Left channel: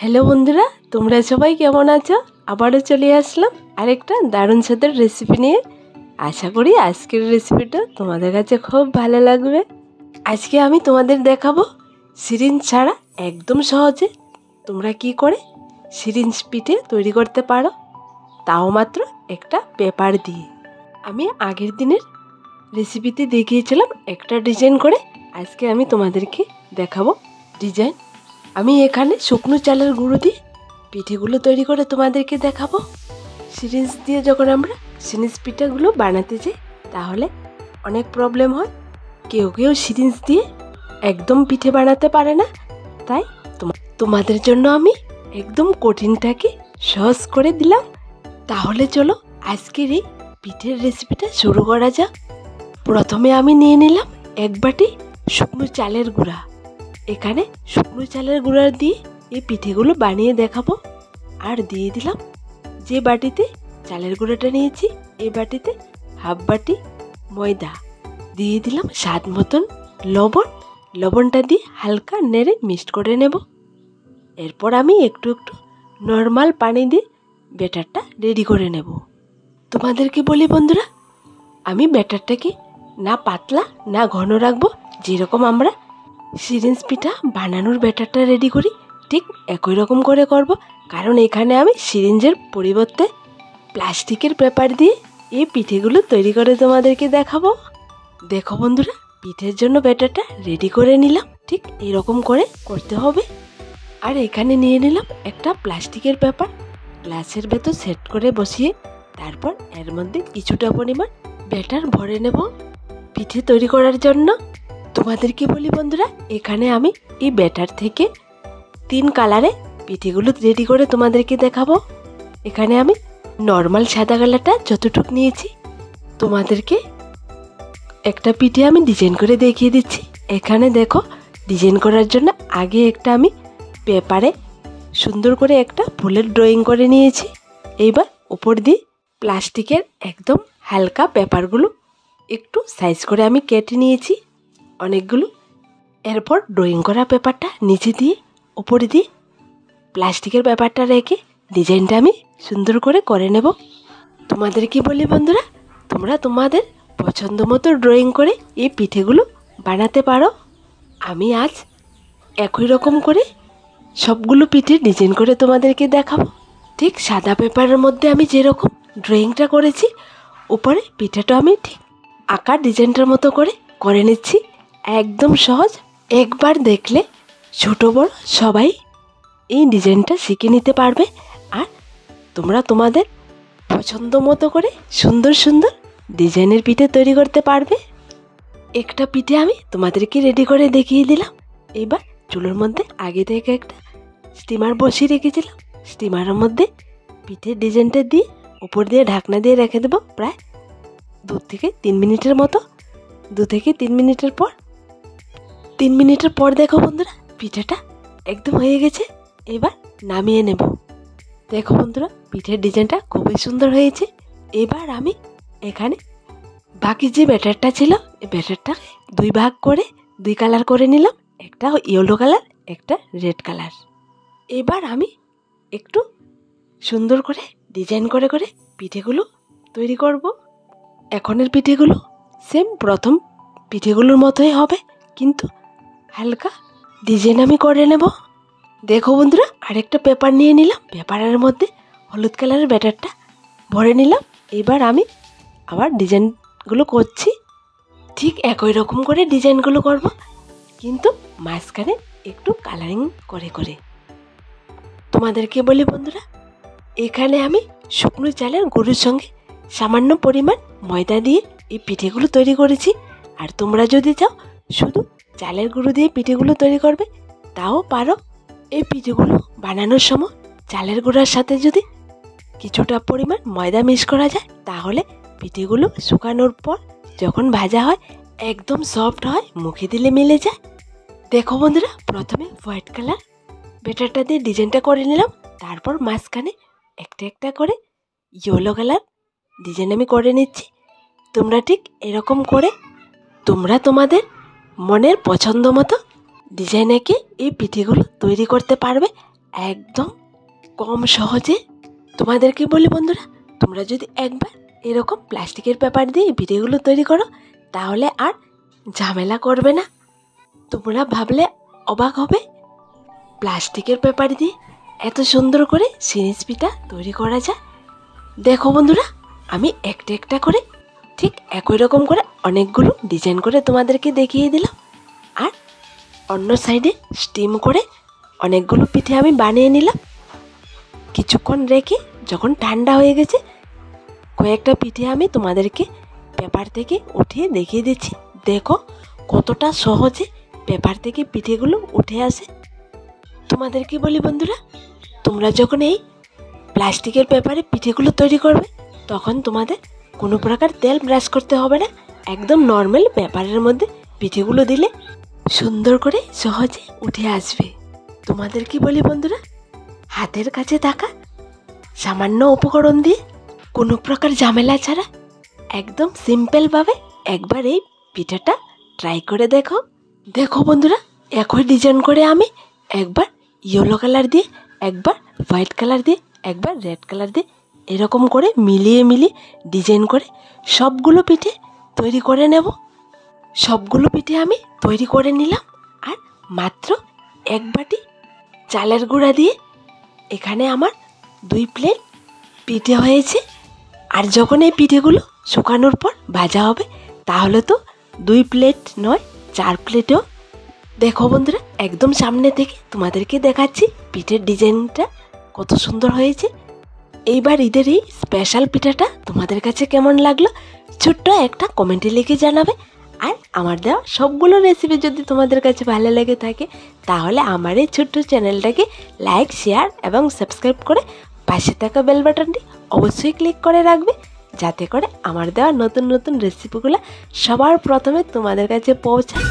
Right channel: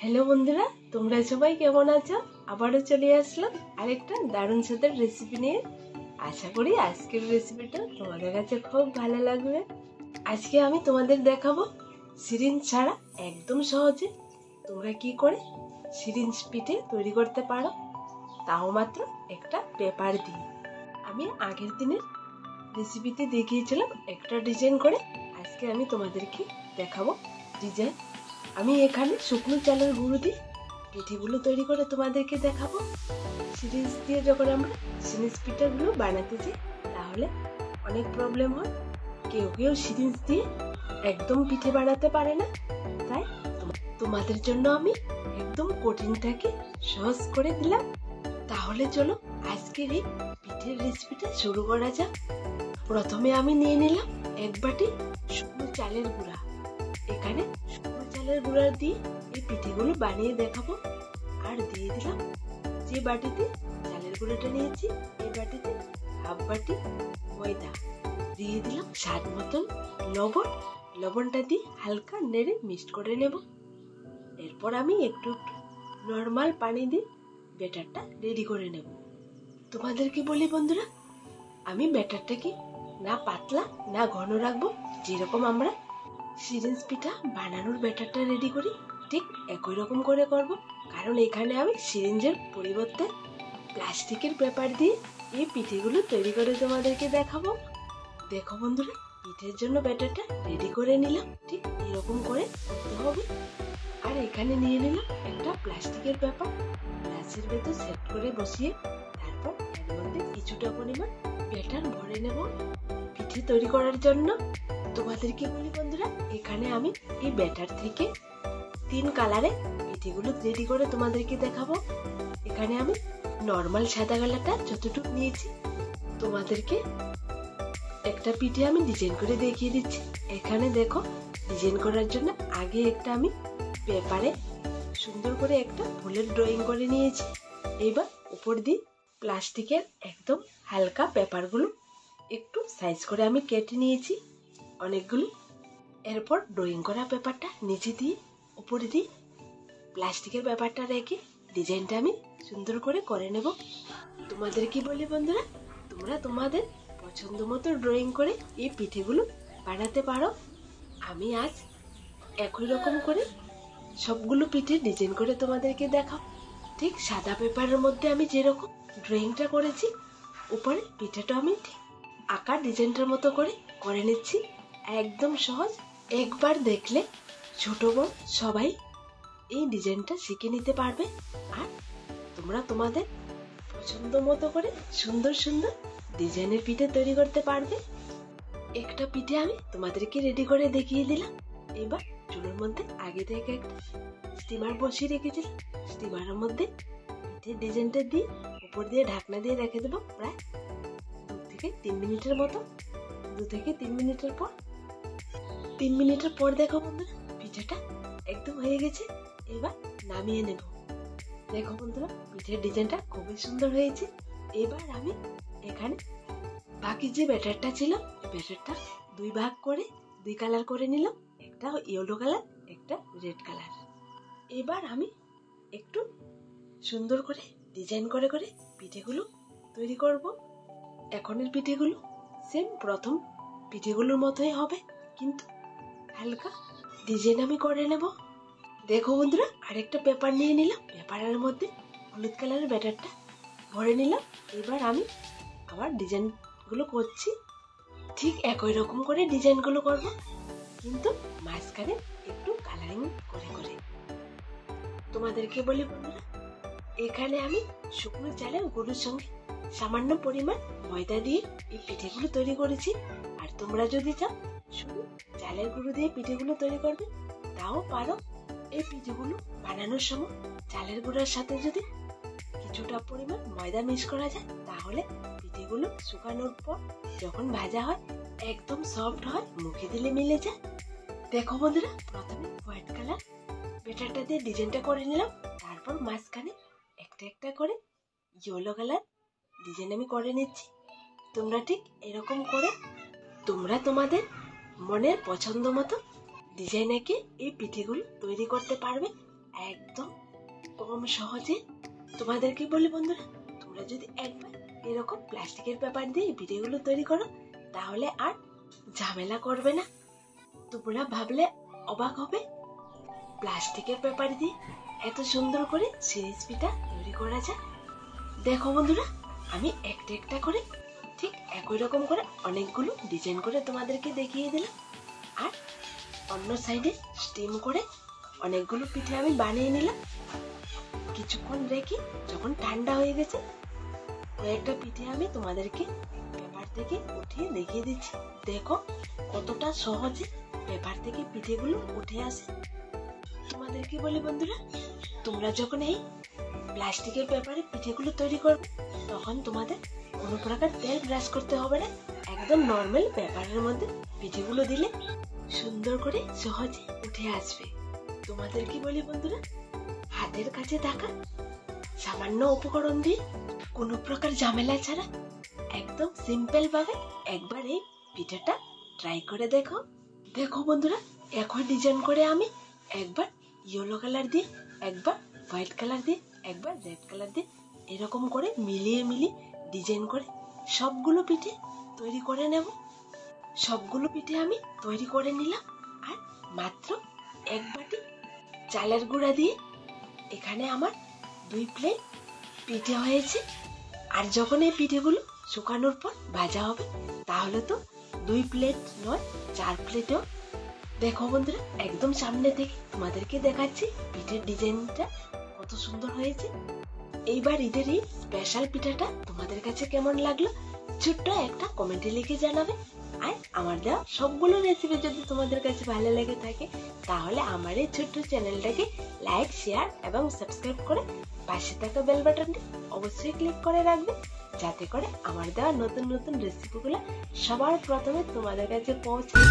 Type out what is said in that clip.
Hello বন্ধুরা, তোমরা সবাই কেমন আছো? আবারও চলে আসলাম আরেকটা দারুণ স্বাদের রেসিপি নিয়ে। আশা করি আজকের রেসিপিটা তোমাদের কাছে খুব ভালো লাগবে। আজকে আমি তোমাদের দেখাবো সিরিঞ্জ ছাড়া একদম সহজে তোমরা কি করে সিরিঞ্জ পিঠে তৈরি করতে পারো, তাও মাত্র একটা পেপার দিয়ে। আমি আগের দিনের রেসিপিতে দেখিয়েছিলাম একটা ডিজাইন করে, আজকে আমি তোমাদেরকে দেখাবো ডিজাইন। আমি এখানে শুকনো চালের গুঁড়ো দিয়ে পিঠেগুলো তৈরি করে তোমাদেরকে দেখাবো। সিরিঞ্জ দিয়ে যখন আমরা সিরিঞ্জ পিঠাগুলো বানাতে যাই তাহলে অনেক প্রবলেম হয়। কেউ কেউ সিরিঞ্জ দিয়ে একদম পিঠে বানাতে পারে না, তাই তোমাদের জন্য আমি একদম কঠিনটাকে সহজ করে দিলাম। তাহলে চলো আজকের এই পিঠের রেসিপিটা শুরু করা যাক। প্রথমে আমি নিয়ে নিলাম এক বাটি শুকনো চালের গুঁড়া। এখানে শুকনো চালের গুঁড়া দিয়ে এই পিঠেগুলো বানিয়ে দেখাবো। আর দিয়ে দিলাম যে বাটিতে চালের গুঁড়াটা নিয়েছি এই বাটিতে হাফ বাটি ময়দা। দিয়ে দিলাম স্বাদ মতন লবণ। লবণটা দিয়ে হালকা নেড়ে মিক্সড করে নেব। এরপর আমি একটু একটু নর্মাল পানি দিয়ে ব্যাটারটা রেডি করে নেব। তোমাদেরকে বলি বন্ধুরা, আমি ব্যাটারটাকে না পাতলা না ঘন রাখবো। যেরকম আমরা সিরিঞ্জ পিঠা বানানোর ব্যাটারটা রেডি করি ঠিক একই রকম করে করব, কারণ এখানে আমি সিরিঞ্জের পরিবর্তে প্লাস্টিকের পেপার দিয়ে এই পিঠেগুলো তৈরি করে তোমাদেরকে দেখাবো। দেখো বন্ধুরা, পিঠের জন্য ব্যাটারটা রেডি করে নিলাম, ঠিক এরকম করে করতে হবে। আর এখানে নিয়ে নিলাম একটা প্লাস্টিকের পেপার, গ্লাসের ভেতর সেট করে বসিয়ে তারপর এর মধ্যে কিছুটা পরিমাণ ব্যাটার ভরে নেব পিঠে তৈরি করার জন্য। তোমাদেরকে বলি বন্ধুরা, এখানে আমি এই ব্যাটার থেকে 3 কালারে পিঠেগুলো রেডি করে তোমাদেরকে দেখাবো। এখানে আমি নর্মাল সাদা কালারটা যতটুকু নিয়েছি, তোমাদেরকে একটা পিঠে আমি ডিজাইন করে দেখিয়ে দিচ্ছি। এখানে দেখো, ডিজাইন করার জন্য আগে একটা আমি পেপারে সুন্দর করে একটা ফুলের ড্রয়িং করে নিয়েছি। এইবার উপর দিয়ে প্লাস্টিকের একদম হালকা পেপারগুলো একটু সাইজ করে আমি কেটে নিয়েছি অনেকগুলো। এরপর ড্রয়িং করা পেপারটা নিচে দিয়ে উপরে দিয়ে প্লাস্টিকের পেপারটা রেখে ডিজাইনটা আমি সুন্দর করে নেব। তোমাদেরকে বলি বন্ধুরা, তোমরা তোমাদের পছন্দ মতো ড্রয়িং করে এই পিঠেগুলো বানাতে পারো। আমি আজ একই রকম করে সবগুলো পিঠে ডিজাইন করে তোমাদেরকে দেখাবো। ঠিক সাদা পেপারের মধ্যে আমি যেরকম ড্রয়িংটা করেছি, উপরে পিঠাটা আমি ঠিক আঁকা ডিজাইনটার মতো করে নিচ্ছি। একদম সহজ, একবার দেখলে ছোট বড় সবাই এই ডিজাইনটা শিখে নিতে পারবে। আর তোমরা তোমাদের পছন্দ মতো করে সুন্দর সুন্দর ডিজাইনের পিঠে তৈরি করতে পারবে। একটা পিঠে আমি তোমাদেরকে রেডি করে দেখিয়ে দিলাম। এবার চুলোর মধ্যে আগে থেকে একটা স্টিমার বসিয়ে রেখেছিলাম। স্টিমারের মধ্যে পিঠের ডিজাইনটা দিয়ে উপর দিয়ে ঢাকনা দিয়ে রেখে দেবো প্রায় 2 থেকে 3 মিনিটের মতো। 2 থেকে 3 মিনিটের পর 3 মিনিটের পর দেখো বন্ধুরা, পিঠাটা একদম হয়ে গেছে। এবার নামিয়ে নেব। দেখো বন্ধুরা, পিঠের ডিজাইনটা খুবই সুন্দর হয়েছে। এবার আমি এখানে বাকি যে ব্যাটারটা ছিল এই ব্যাটারটা 2 ভাগ করে 2 কালার করে নিলাম, একটা ইয়েলো কালার একটা রেড কালার। এবার আমি একটু সুন্দর করে ডিজাইন করে পিঠেগুলো তৈরি করব। এখনের পিঠেগুলো সেম প্রথম পিঠেগুলোর মতোই হবে, কিন্তু হালকা ডিজাইন আমি করে নেব। দেখো বন্ধুরা, আরেকটা পেপার নিয়ে নিলাম, পেপারের মধ্যে হলুদ কালারের ব্যাটারটা ভরে নিলাম। এবার আমি আবার ডিজাইনগুলো করছি, ঠিক একই রকম করে ডিজাইনগুলো করব, কিন্তু মাঝখানে একটু কালারিং করে। তোমাদেরকে বলি বন্ধুরা, এখানে আমি শুকনো চালের গুঁড়োর সঙ্গে সামান্য পরিমাণ ময়দা দিয়ে এই পিঠেগুলো তৈরি করেছি। আর তোমরা যদি চাও শুধু চালের গুঁড়ো দিয়ে পিঠেগুলো তৈরি করবে তাও পারো। এই পিঠেগুলো বানানোর সময় চালের গুঁড়ার সাথে যদি কিছুটা পরিমাণ ময়দা মিক্স করা যায় তাহলে পিঠেগুলো শুকানোর পর যখন ভাজা হয় একদম সফট হয়, মুখে দিলে মিলে যায়। দেখো বন্ধুরা, প্রথমে হোয়াইট কালার ব্যাটারটা দিয়ে ডিজাইনটা করে নিলাম, তারপর মাঝখানে একটা একটা করে ইয়েলো কালার ডিজাইন আমি করে নিচ্ছি। তোমরা ঠিক এরকম করে তোমরা তোমাদের মনের পছন্দ মতো ডিজাইন এঁকে এই পিঠেগুলো তৈরি করতে পারবে। একদম কম সহজে। তোমাদেরকে বলি বন্ধুরা, তোমরা যদি একবার এরকম প্লাস্টিকের পেপার দিয়ে পিঠেগুলো তৈরি করো তাহলে আর ঝামেলা করবে না। তোমরা ভাবলে অবাক হবে, প্লাস্টিকের পেপার দিয়ে এত সুন্দর করে সিরিজ পিঠা তৈরি করা যায়। দেখো বন্ধুরা, আমি একটা একটা করে ঠিক একই রকম করে অনেকগুলো ডিজাইন করে তোমাদেরকে দেখিয়ে দিলাম। আর অন্য সাইডে স্টিম করে অনেকগুলো পিঠে আমি বানিয়ে নিলাম। কিছুক্ষণ রেখে যখন ঠান্ডা হয়ে গেছে, কয়েকটা পিঠে আমি তোমাদেরকে পেপার থেকে উঠিয়ে দেখিয়ে দিচ্ছি। দেখো কতটা সহজে পেপার থেকে পিঠেগুলো উঠে আসে। তোমাদেরকে বলি বন্ধুরা, তোমরা যখন এই প্লাস্টিকের পেপারে পিঠেগুলো তৈরি করবে তখন তোমাদের কোনো প্রকার তেল ব্রাশ করতে হবে না। একদম নর্মাল পেপারের মধ্যে পিঠেগুলো দিলে সুন্দর করে সহজে উঠে আসবে। তোমাদেরকে বলি বন্ধুরা, হাতের কাছে থাকা সামান্য উপকরণ দিয়ে কোনো প্রকার ঝামেলা ছাড়া একদম সিম্পলভাবে একবার এই পিঠাটা ট্রাই করে দেখো। দেখো বন্ধুরা, একই ডিজাইন করে আমি একবার ইয়েলো কালার দিয়ে, একবার হোয়াইট কালার দিয়ে, একবার রেড কালার দিয়ে এরকম করে মিলিয়ে ডিজাইন করে সবগুলো পিঠে তৈরি করে নেব। সবগুলো পিঠে আমি তৈরি করে নিলাম। আর মাত্র এক বাটি চালের গুঁড়া দিয়ে এখানে আমার 2 প্লেট পিঠে হয়েছে। আর যখন এই পিঠেগুলো শুকানোর পর ভাজা হবে তাহলে তো 2 প্লেট নয় 4 প্লেটেও। দেখো বন্ধুরা, একদম সামনে থেকে তোমাদেরকে দেখাচ্ছি পিঠের ডিজাইনটা কত সুন্দর হয়েছে। এইবার ঈদের এই স্পেশাল পিঠাটা তোমাদের কাছে কেমন লাগলো ছোট্ট একটা কমেন্টে লিখে জানাবে। আর আমার দেওয়া সবগুলো রেসিপি যদি তোমাদের কাছে ভালো লেগে থাকে তাহলে আমার এই ছোট্ট চ্যানেলটাকে লাইক, শেয়ার এবং সাবস্ক্রাইব করে পাশে থাকা বেল বাটনটি অবশ্যই ক্লিক করে রাখবে, যাতে করে আমার দেওয়া নতুন নতুন রেসিপিগুলো সবার প্রথমে তোমাদের কাছে পৌঁছায়।